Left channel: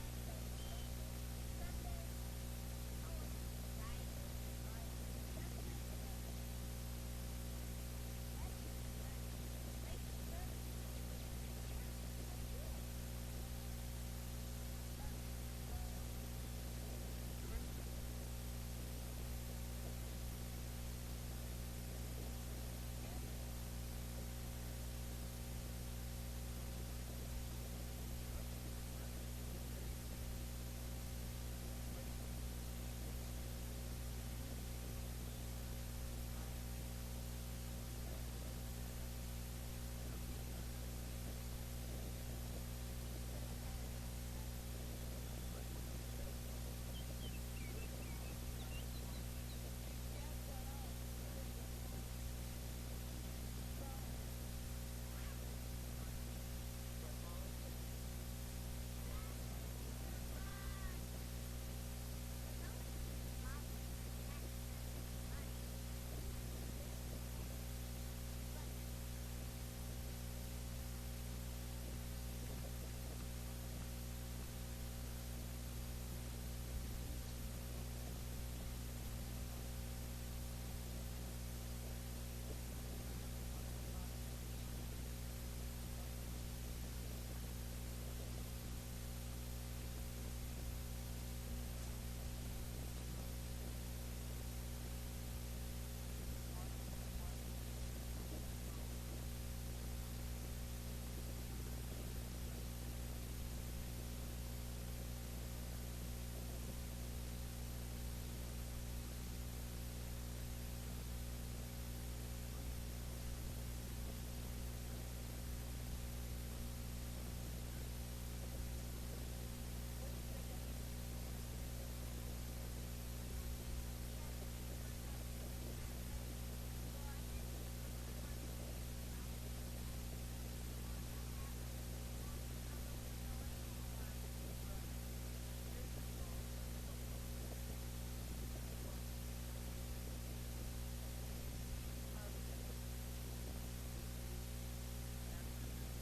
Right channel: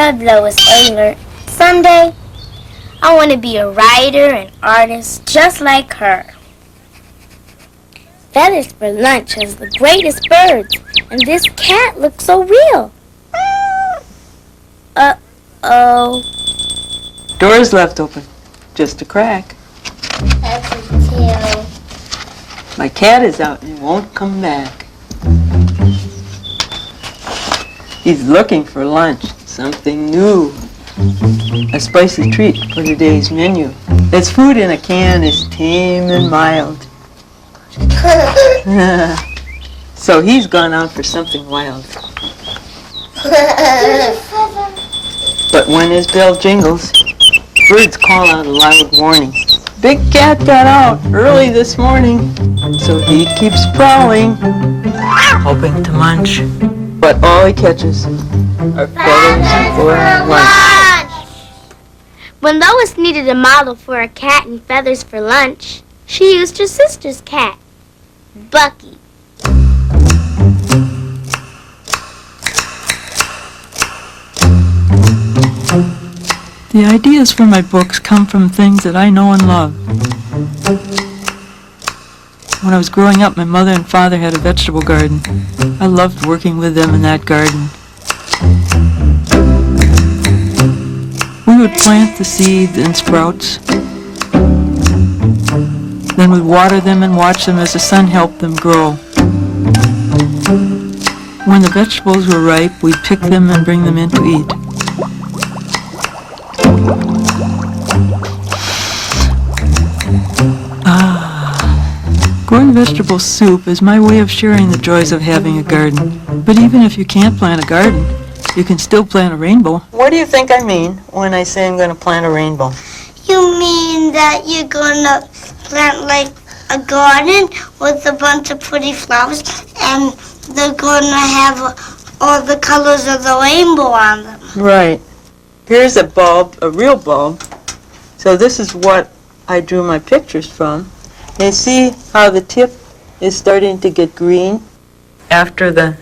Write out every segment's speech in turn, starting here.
love Lois Ehlert. Someday, I want to be a writer and artist just like her. Feathers for Lunch has the greatest birds, and this cat looks so real. Uh-oh. Door's left open. Just a crack. That's a tail. My cat is out and won't come back. He's looking for lunch, something new. A spicy treat for today's menu. Its food in a can is tame and mild. So he's gone out for something wild. But when his bell jingles, birds call out a loud warning. Big cat got out early this morning, so he keeps prowling, hoping to munch. But all he catches are feathers for lunch. When Lois needed a model for a cat and feathers for lunch, she used her sister's cat, Bucky. The ideas for my books come from things that I know and love. When I was growing up, my mother and father had a vegetable garden. I loved working with them in that garden. We would plant the seeds and sprouts. Then we'd water them and watch them as the sun helped them grow. When the vegetables were ripe, we'd pick them and bring them in to eat. Growing vegetable soup is my way of sharing the joys of having a garden. But even if you can't plant a garden, you can still plant a rainbow. What do you think I mean when I say I'm going to plant a rainbow? You mean that you're going to plant like a garden with a bunch of pretty flowers and they're going to have all the colors of the rainbow on them? Right. Here's a bulb, a real bulb. So this is what I drew my pictures from. You see how the tip is starting to get green? After the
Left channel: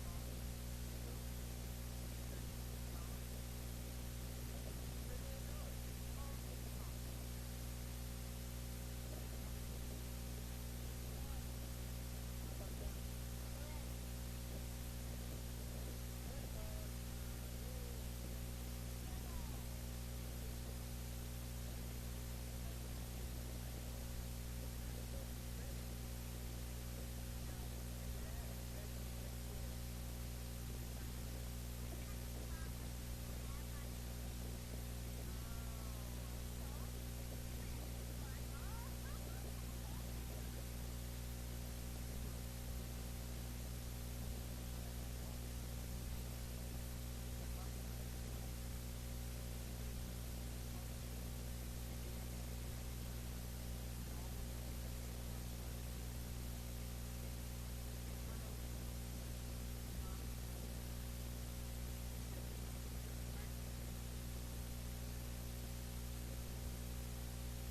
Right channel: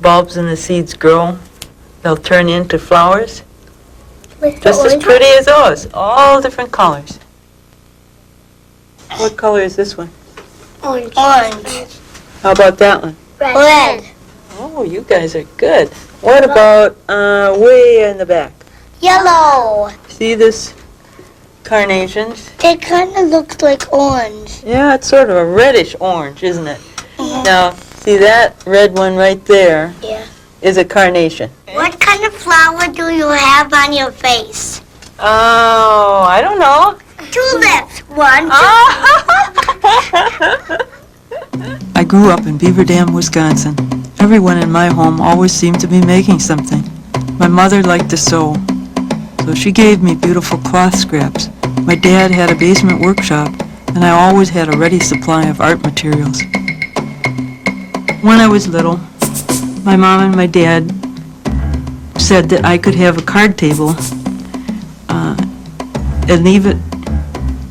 bulbs and the seeds grow, they'll turn into flowers. Just as pretty as those, all different colors. What color is this one? Orange. Orange. How about that one? Red. Oh, you guys are good. What about way in the back? Yellow. See this carnations? It kind of looks like orange. Yeah, it's sort of a reddish orange, isn't it? Mm-hmm. Now, see that red one right there? Yeah. Is a carnation. What kind of flower do you have on your face? Oh, I don't know. Tulips. One, I grew up in Beaver Dam, Wisconsin. Everyone in my home always seemed to be making something. My mother liked to sew, so she gave me beautiful cloth scraps. My dad had a basement workshop, and I always had a ready supply of art materials. When I was little, my mom and my dad said that I could have a card table and leave it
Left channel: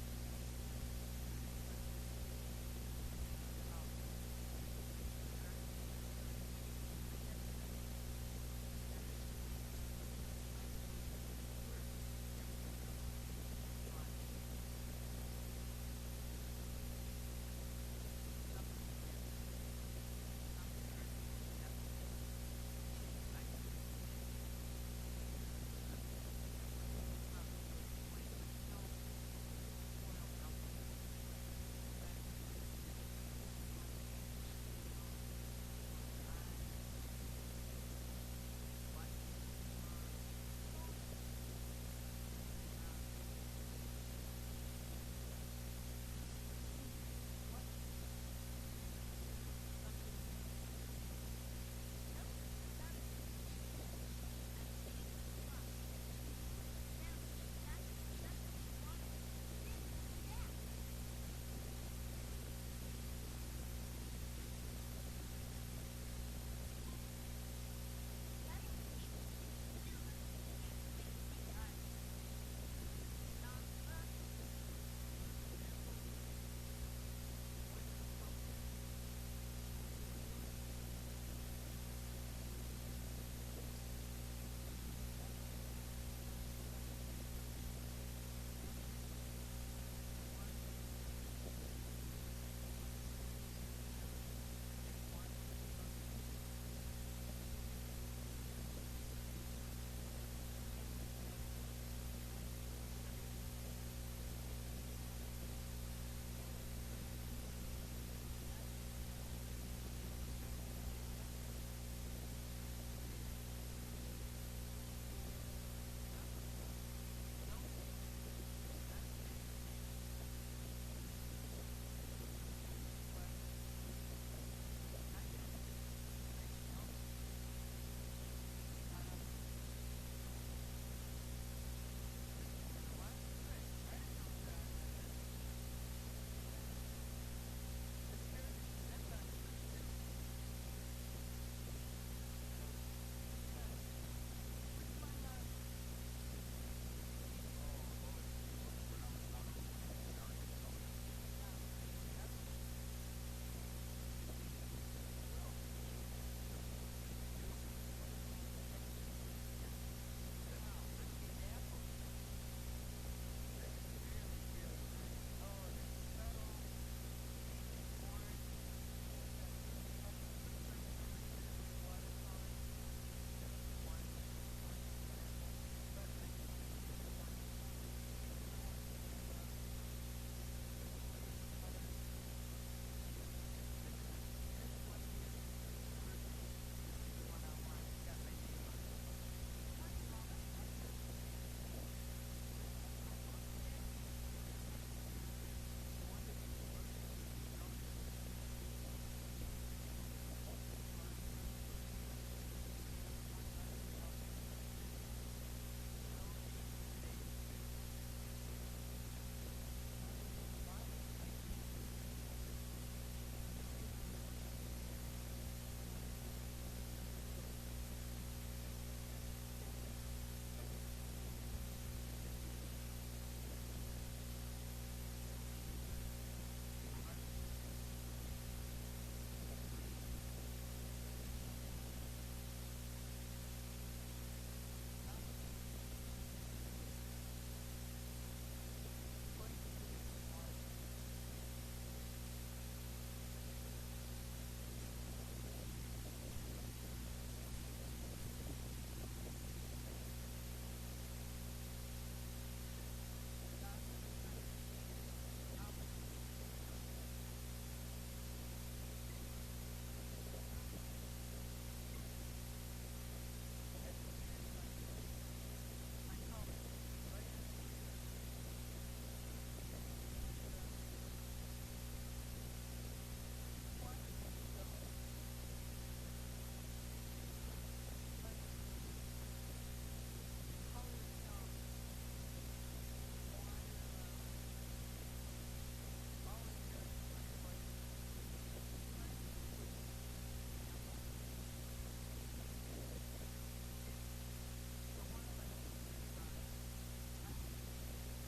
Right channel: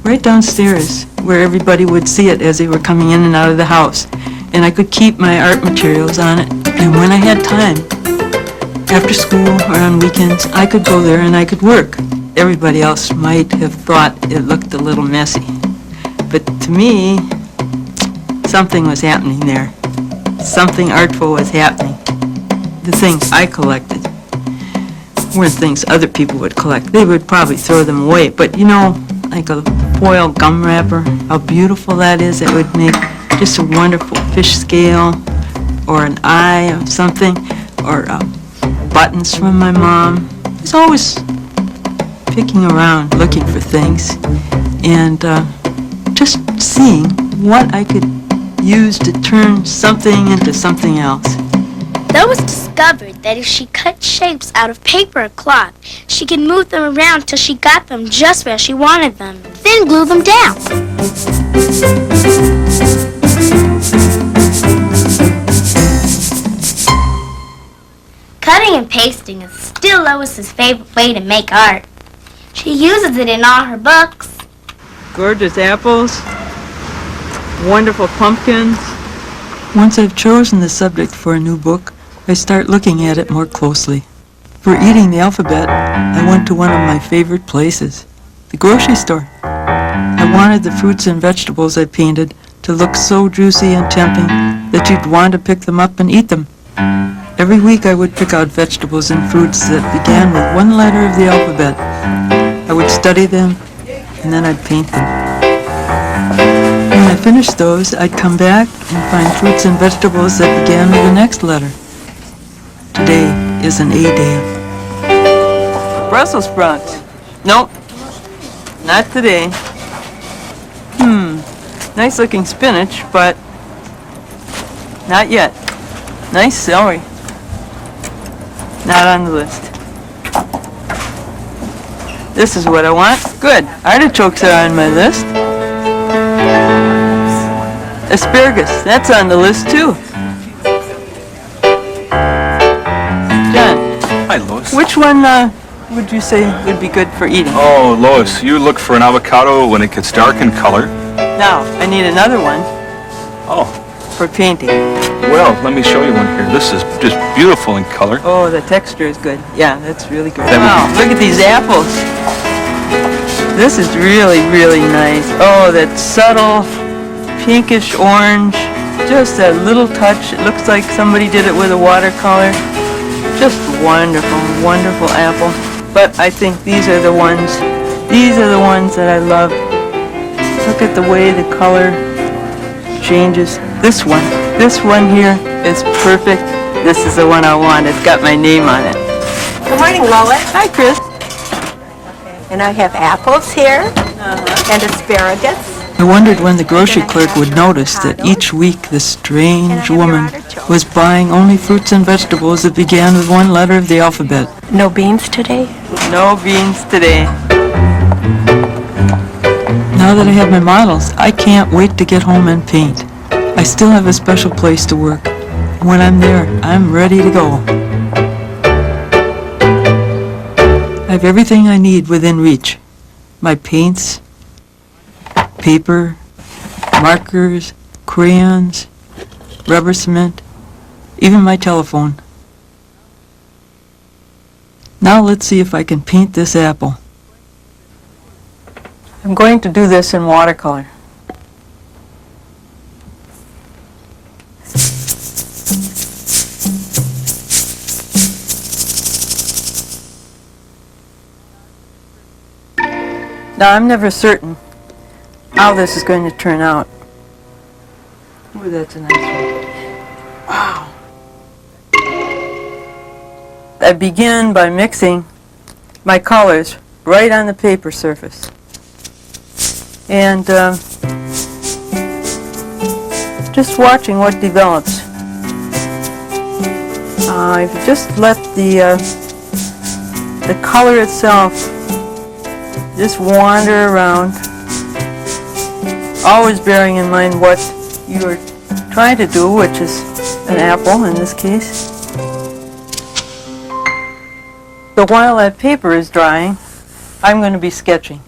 right downstairs where everybody would see it as they were coming in and out of the house. And I could keep my art materials on it. And when I had time, after school or on weekends, I could go there and I could work. Everybody else might have thought it looked a little messy. But to me, something was happening there. Something artful was happening. The things I collected weren't things other people would collect. They would probably throw them away. But you know, like a foil gum wrapper, how beautiful that is. It would make just a wonderful fish scale or an eye of something, or buttons from my mom. I was always picking around, looking for things, and just seeing what I could use to turn something into something else. Lois discovered that if she cut shapes out of paper or cloth, she could move them around till she got them just where she wanted them, then glue them down. Cutting and pasting is still Lois's favorite way to make art. She uses it in all her books. Gorgeous apples, wonderful pumpkins. Once I've chosen the subject for a new book, I start looking at it more closely. For eating the alphabet, I went to one of my favorite places, the grocery store. I wanted the fruits and vegetables I painted to look so juicy and tempting that you'd want to pick them up and eat them. Every week I would pick out vegetables and fruits that began with one letter of the alphabet. I would study them, and then I'd paint them. When I finished those, I'd come back and find fruits and vegetables that began with the next letter. Today is an A day. Brussels sprouts. Nope, not today. Nice looking spinach, but not yet. Nice celery. Not on the list. This is what I want. Good. Artichokes are on my list. Asparagus, that's on the list too. John, Hi, Lois. which one would you say would be good for eating? Oh, Lois, you look for an avocado when it gets dark in color. Now, I need another one Oh, for painting. well, let me show you one here. This is just beautiful in color. Oh, the texture is good. Yeah, that's really good. That would Wow, look at these apples. This is really, really nice. Oh, that subtle pinkish orange. Just a little touch. It looks like somebody did it with a watercolor. Just wonderful, wonderful apple. But I think these are the ones that I love. Look at the way the color changes. This one here is perfect. This is the one I want. It's got my name on it. Good morning, Lois. Hi, Chris. And I have apples here and asparagus. I wondered when the grocery clerk would notice that each week this strange woman was buying only fruits and vegetables that began with one letter of the alphabet. No beans today? No beans today. Now that I have my models, I can't wait to get home and paint. I still have a special place to work. When I'm there, I'm ready to go. I have everything I need within reach. My paints, paper, markers, crayons, rubber cement, even my telephone. Now let's see if I can paint this apple. I'm going to do this in watercolor. Now, I'm never certain how this is going to turn out. Ooh, that's a nice one. Wow. I begin by mixing my colors right on the paper surface. And just watching what develops. I've just let the color itself just wander around, always bearing in mind what you're trying to do, which is an apple in this case. So while that paper is drying, I'm going to be sketching.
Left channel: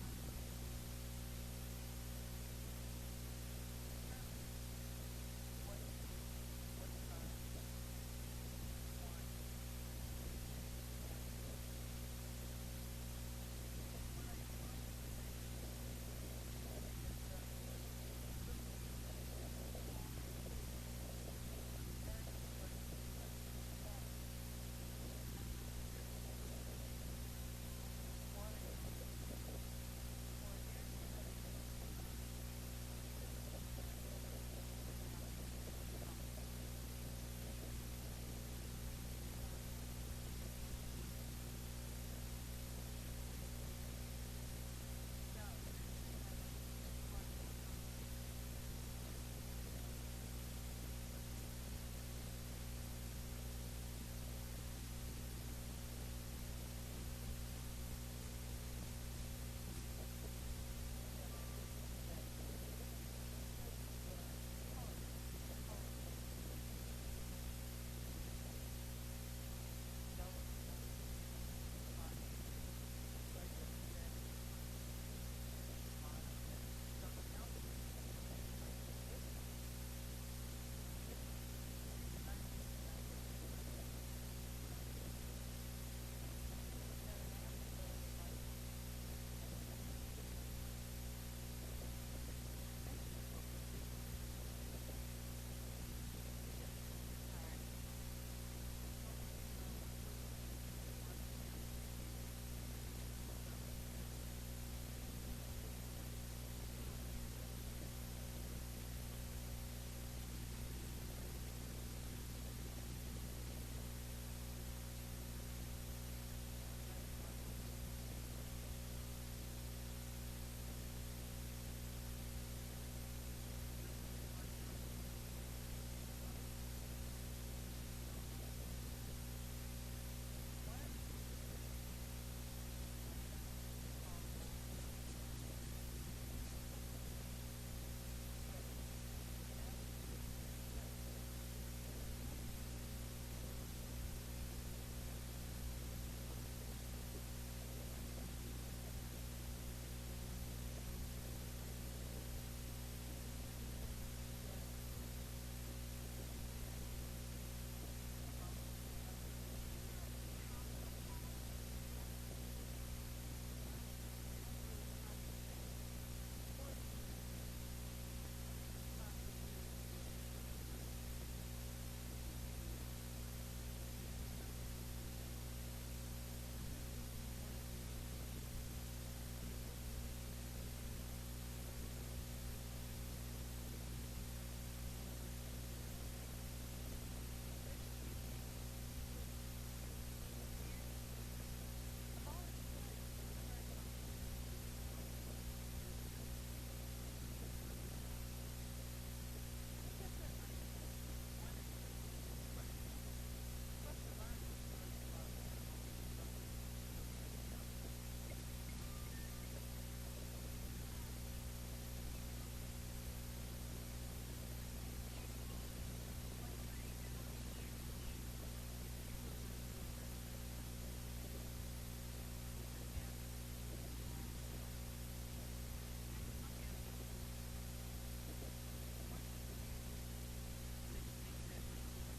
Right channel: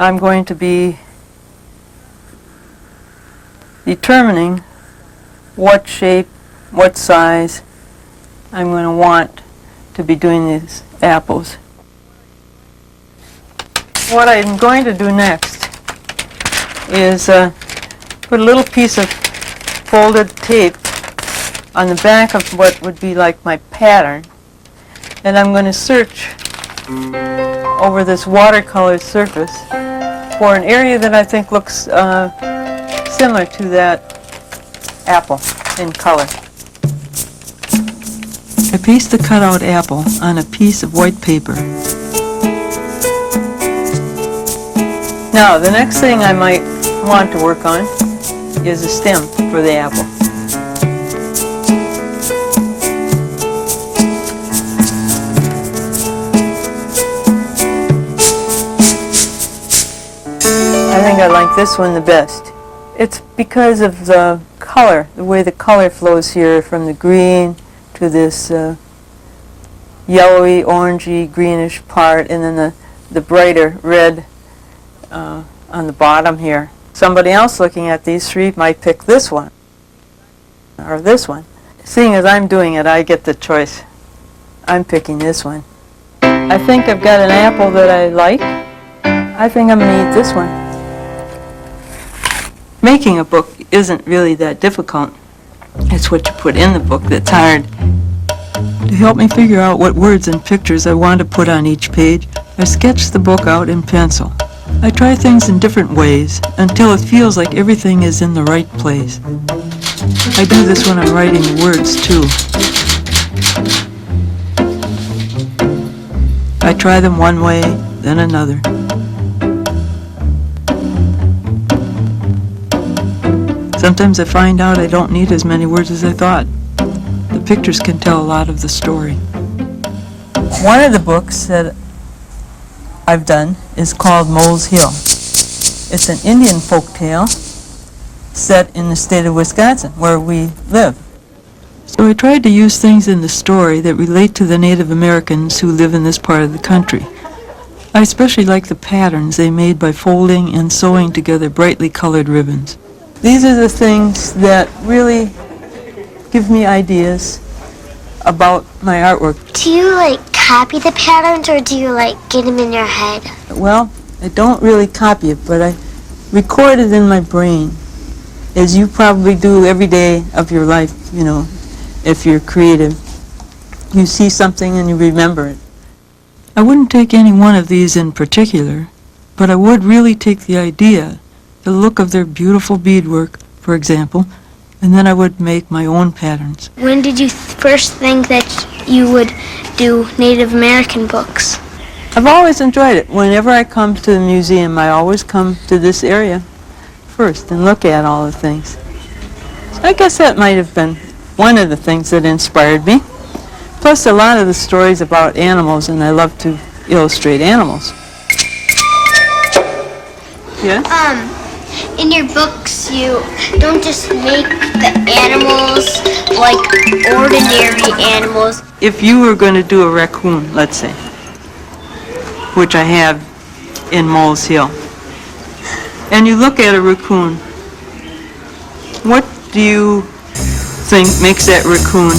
I'm going to be determining what shape, what size I'm going to want to be doing these apples. What I'm going to do next is put a little piece of folded tape on the back of what would be like my pattern, and I'm going to search over this watercolor surface for an area that I think looks similar to that apple in color. I paste the cutout apple on a piece of white paper. Now, the next thing I might want to work on is a stem for the apple. I think I like this one the best. It's because of the color, the way the color flows here from the green to this yellowy, orangey, greenish part, and then the brighter red on the bottom here. Somebody else looking at these three might pick this one or this one. Seeing as I'm doing it, I get the choice. I'm picking this one. I think I've got an apple that I like. I think I'm going to eat this one. Making a book isn't really that difficult. It's what you put in the book that's hard. To help me figure out what words and pictures I want to put on each page, I sketch the book out in pencil. I try things in different ways until it feels like everything is in the right place. I do this when I'm writing the words, too. I try them one way, then another. Sometimes I find out I don't need as many words as I thought. The pictures can tell a lot of the story. One of the books that I've done is called Mole's Hill. It's an Indian folk tale set in the state of Wisconsin, where we live. So I tried to use things in the story that relate to the Native Americans who live in this part of the country. I especially like the patterns they made by folding and sewing together brightly colored ribbons. These are the things that really give me ideas about my artwork. Do you copy the patterns or do you get them in your head? Well, I don't really copy it, but I record it in my brain, as you probably do every day of your life, if you're creative. You see something and you remember it. I wouldn't take any one of these in particular, but I would really take the idea, the look of their beautiful beadwork, for example, and then I would make my own patterns. When did you first think that you would do Native American books? I've always enjoyed it. Whenever I come to the museum, I always come to this area first and look at all the things. So I guess that might have been one of the things that inspired me. Plus a lot of the stories about animals, and I love to illustrate animals. Yes? In your books, you don't just make the animals like ordinary animals. If you were going to do a raccoon, let's say, which I have in Mole's Hill, and you look at a raccoon, what do you think makes that raccoon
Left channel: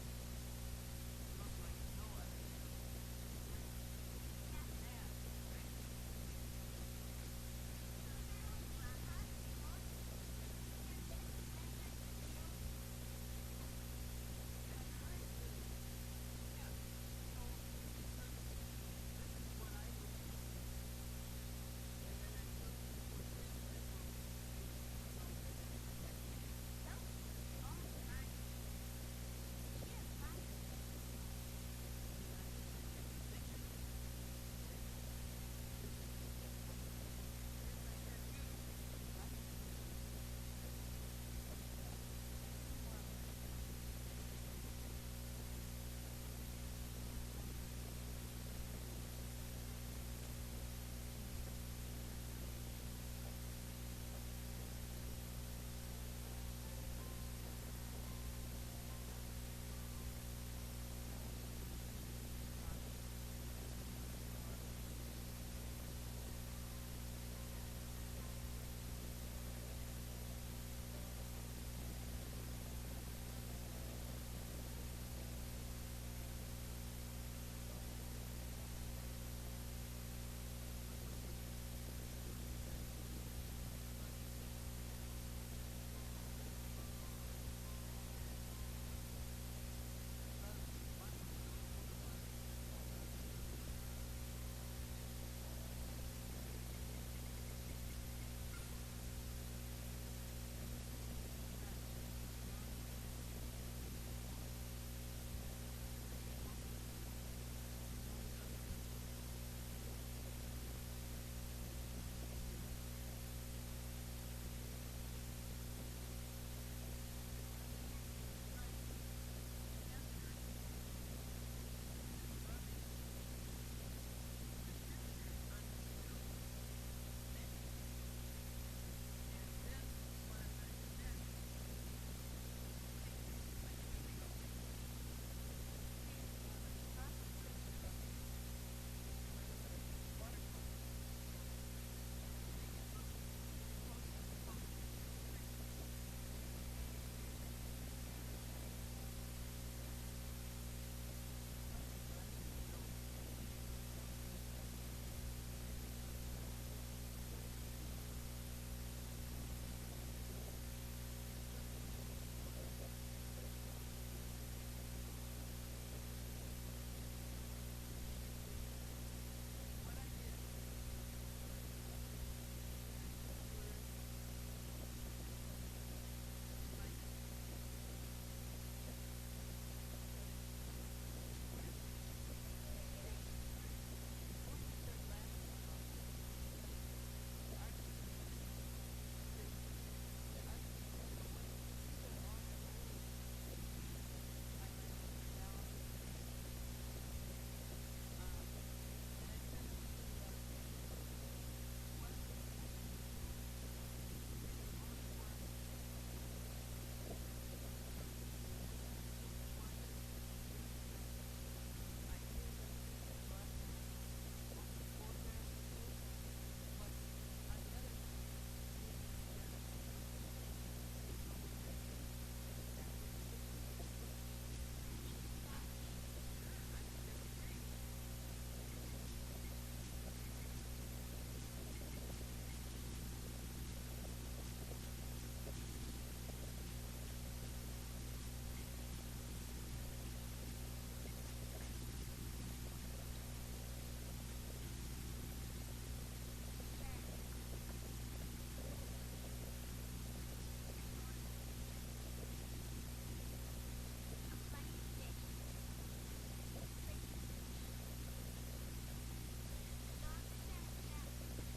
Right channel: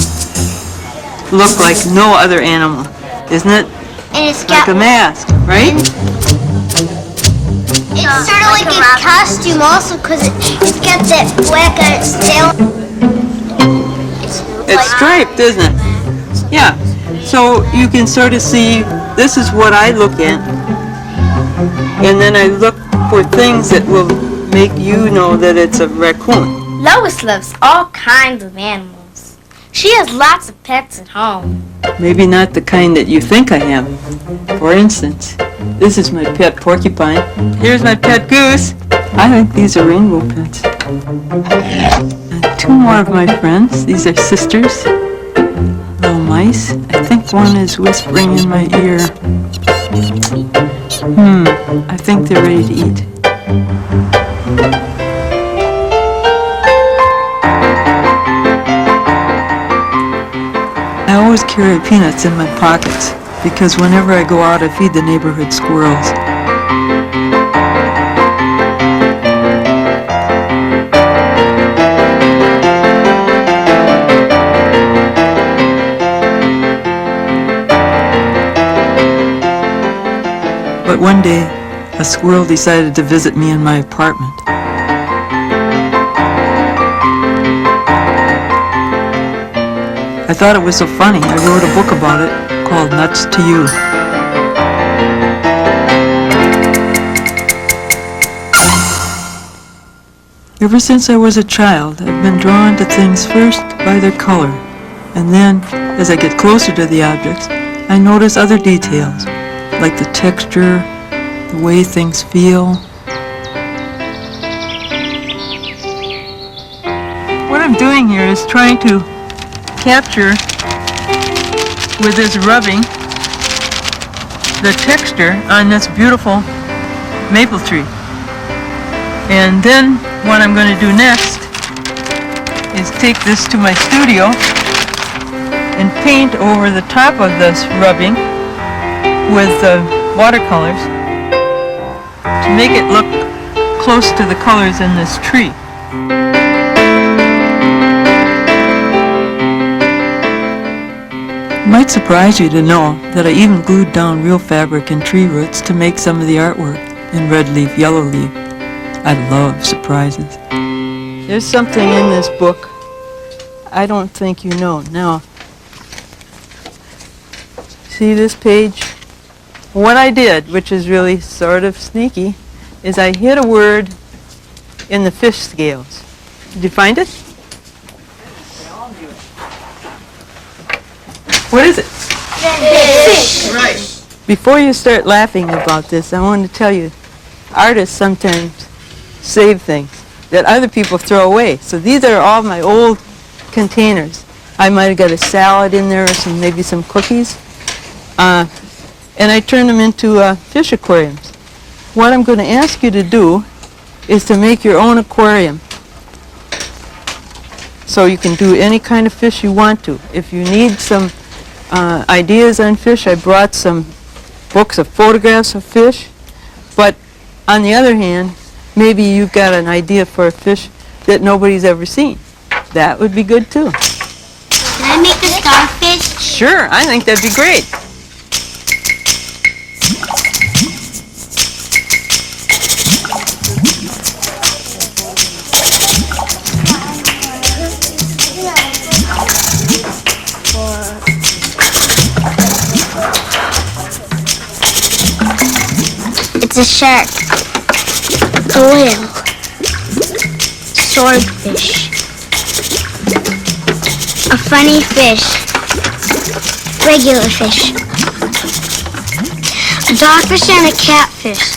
look like no other animal? Isn't it And it's like got a mask, right? it's sort of like a costume also because it's got that black on its tail. It's striped, isn't it? Yeah. So you can sort of see, this is what I look at. And then I look for things that will make you know that it's a raccoon. Lois loves all kinds of animals. She has lots of pets at home. Maybe not the kind that you think I have. For instance, this is my pet porcupine. Here's my pet goose. I think these are rainbow pets. And two more of my friends. These are sisters. Little mice. I think one is whispering in my ear. I think they're ready to eat. I always carry peanuts in my pockets because whenever I go out, I feed the neighborhood squirrels. But one day, a squirrel decided to visit me in my apartment. I thought it was so funny, I wrote a book about it called Nuts to You. Ever since I was a child, I've been drawn to things first by their color, and then, as I get closer to the objects, I notice other details, like the texture, the way things feel. What I'm doing here is trying to capture, with this rubbing, the texture on this beautiful maple tree. And then what I'm going to do next is take this to my studio and paint over the top of this rubbing with watercolors to make it look close to the colors in this tree. might surprise you to know that I even glued down real fabric and tree roots to make some of the artwork in red leaf, yellow leaf. I love surprises. There's something in this book I don't think you know. Now, see this page? What I did, which is really sort of sneaky, is I hid a word in the fish scales. Did you find it? What is it? Fish. Right. Before you start laughing about this, I want to tell you, artists sometimes save things that other people throw away. So these are all my old containers. I might have got a salad in there or maybe some cookies. And I turn them into fish aquariums. What I'm going to ask you to do is to make your own aquarium. So you can do any kind of fish you want to. If you need some ideas on fish, I brought some books of photographs of fish. But on the other hand, maybe you've got an idea for a fish that nobody's ever seen. That would be good too. Can I make a starfish? Sure, I think that'd be great. It's a shark, a whale, swordfish, a funny fish, regular fish, a dogfish and a catfish,